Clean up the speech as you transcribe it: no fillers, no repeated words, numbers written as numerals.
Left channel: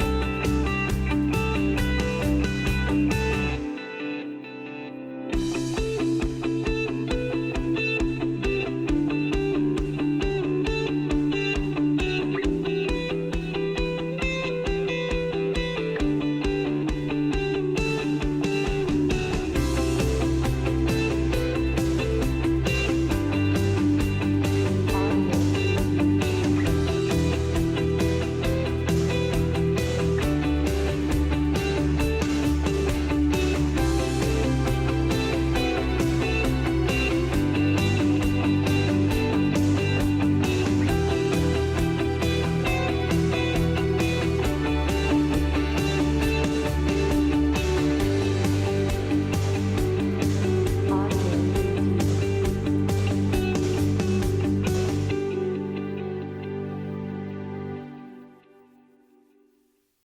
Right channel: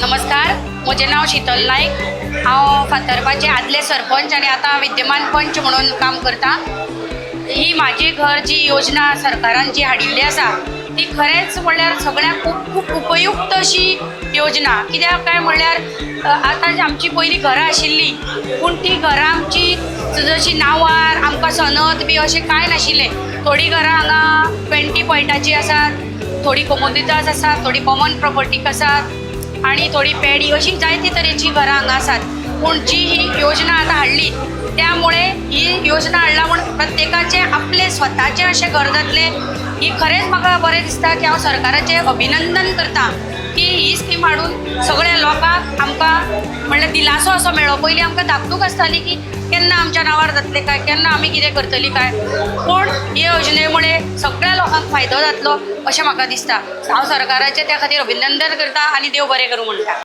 नमस्कार, म्हजें नाव शीतल नायक। हांव फातर्पाचें आदले सरपंच आनी आतां विद्यमान पंच म्हणून काम करता। ही माझे घर जी योजना सरकारान जी हाडिल्ली आसा ती खरेंच म्हणल्यार सगळ्यांक खूब उपयुक्त अशी योजना। कित्याक काय म्हणल्यार आतां आमची पयलीं घरां आशिल्लीं, पूण ती घरां आमची जशी नांवार आमकां सनद बी अशें कांय नाशिल्लें। थोडीं घरां हांगा 20 पॉयंटाची आसात, थोडी कोमोदितास आसात, थोडी कॉमन प्रॉपर्टीक आसात आनी थोडी पॅडी अशी जायते तरेची घरां हांगा आसात। पूण जी ही योजना आतां हाडली त्यामुळे ही योजना हाडला म्हण प्रत्येकाचे आपले स्वताचे अशें घर जातले। ही खरेंच म्हाका बरें दिसता की हांव सरकाराचें अभिनंदन करता की ही स्कीम हाडून सगळ्या लोकांक आमकां म्हणल्यार दिलासो असो मेळ्ळो। पयलीं आमकां धाकधूक आसताली की केन्ना आमच्या नांवार जातलें काय, केन्ना आमी कितें करतलीं काय, पूण हे योजने मुळे सगळ्या लोकांक फायदो जातलो अशें म्हाका दिसता। हांव सरकाराचें त्या खातीर अभिनंदन करता आनी देव बरें करूं म्हणटा।